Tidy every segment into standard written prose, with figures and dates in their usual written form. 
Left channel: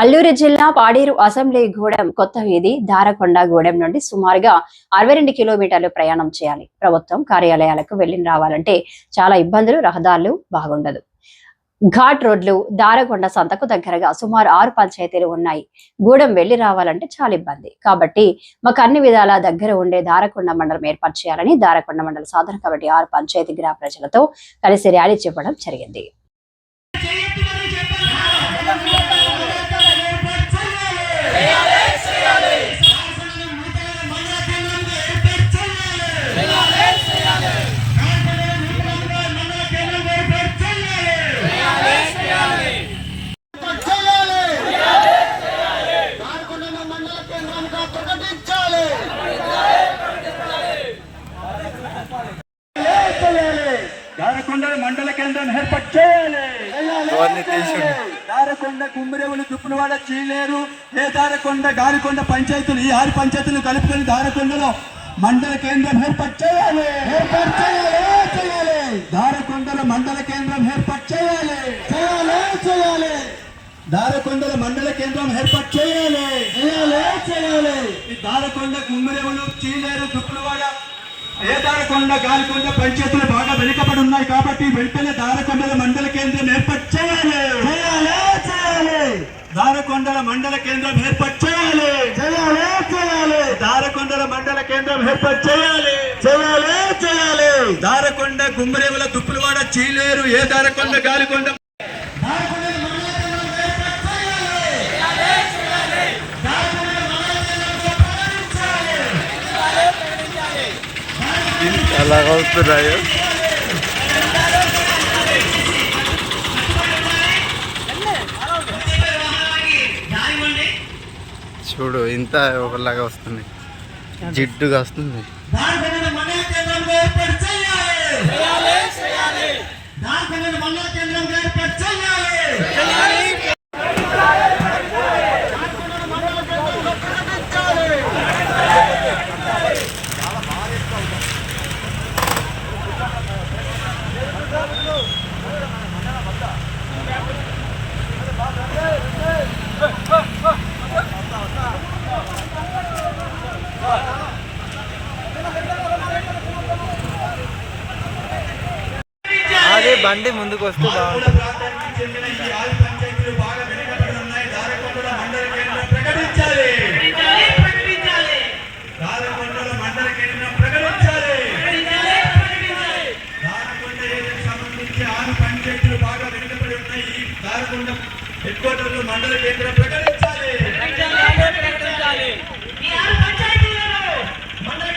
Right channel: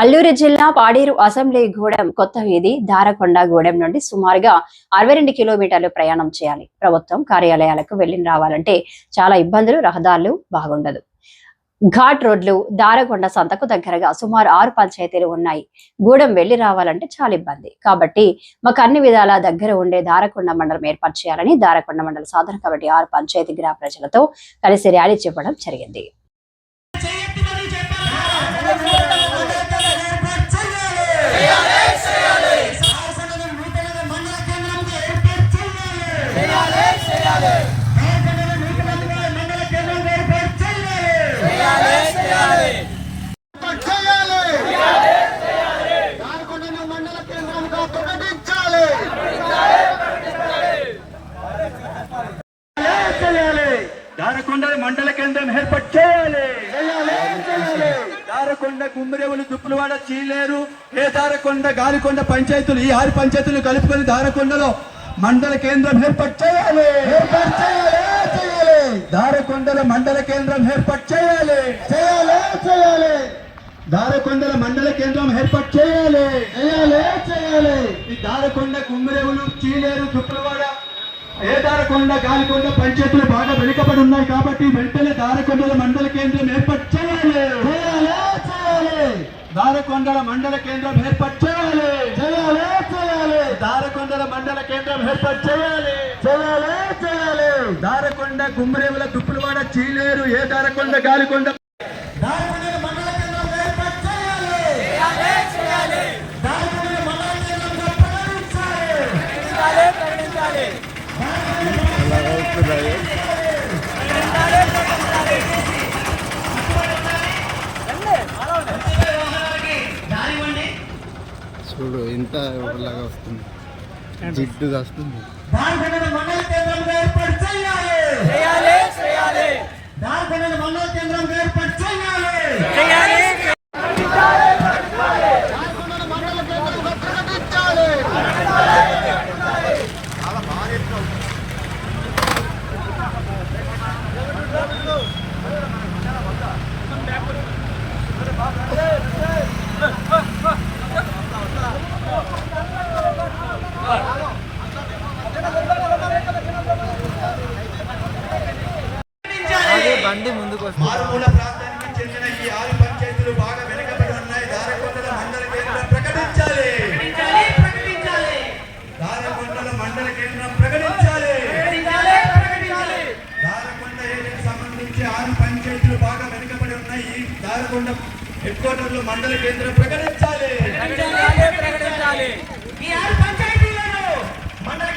అల్లూరు జిల్లా పాడేరు అసెంబ్లీ గూడెం కొత్త వీధి దారకొండ గూడెం నుండి సుమారుగా 62 కిలోమీటర్లు ప్రయాణం చేయాలి. ప్రభుత్వం కార్యాలయాలకు వెళ్లి రావాలంటే చాలా ఇబ్బందులు, రహదారులు బాగుండదు. ఘాట్ రోడ్లు, దారకొండ సంతకు దగ్గరగా సుమారు 6 పంచాయతీలు ఉన్నాయి. గూడెం వెళ్లి రావాలంటే చాలా ఇబ్బంది. కాబట్టి మాకు అన్ని విధాలా దగ్గర ఉండే దారకొండ మండలం ఏర్పాటు చేయాలని దారకొండ మండల సాధన కమిటీ 6 పంచాయతీ గ్రామ ప్రజలతో కలిసి ర్యాలీ చేపట్టడం జరిగింది. దారకొండ మండల కేంద్రం ఏర్పాటు చేయాలి. దారకొండ, గుమ్మిరేవులు, దుప్పులవాడ, చీలేరు, దారకొండ, గాలికొండ పంచాయతీలు, ఈ 6 పంచాయతీలు కలుపుకొని దారకొండలో మండల కేంద్రం ఏర్పాటు చేయాలి. దారకొండల మండల కేంద్రం ఏర్పాటు చేయాలి. దారకొండల మండల కేంద్రం ఏర్పాటు చేయాలి. ఈ దారకొండ, గుమ్మిరేవులు, చీలేరు, దుప్పులవాడ, దారకొండ, గాలికొండ పంచాయతీలు బాగా వెనుకబడి ఉన్నాయి. కాబట్టి వెంటనే దారకొండల మండల కేంద్రం ఏర్పాటు చేయాలి. దారకొండల మండల కేంద్రం ఏర్పాటు చేయాలి. దారకొండల మండల కేంద్రం ఏర్పాటు చేయాలి. దారకొండ, గుమ్మరేవుల, దుప్పులవాడ, చీలేరు, దారకొండ, గాలికొండ చూడు ఇంత ఒకలాగా వస్తుంది, జిడ్డుగా వస్తుంది. బండి ముందుకు వస్తే హెడ్ క్వార్టర్లు మండల కేంద్రం ప్రకటించాలి. మండల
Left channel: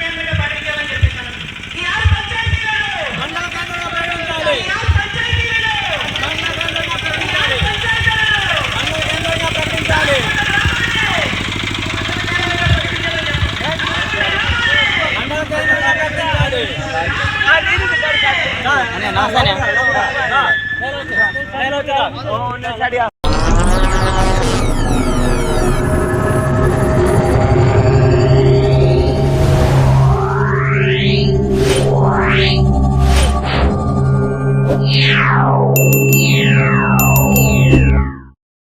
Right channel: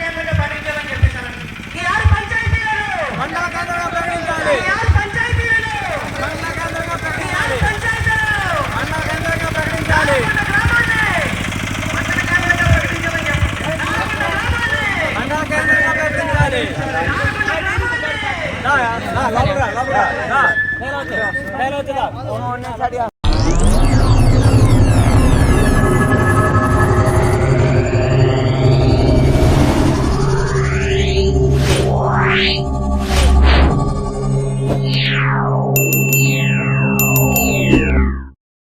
కేంద్రం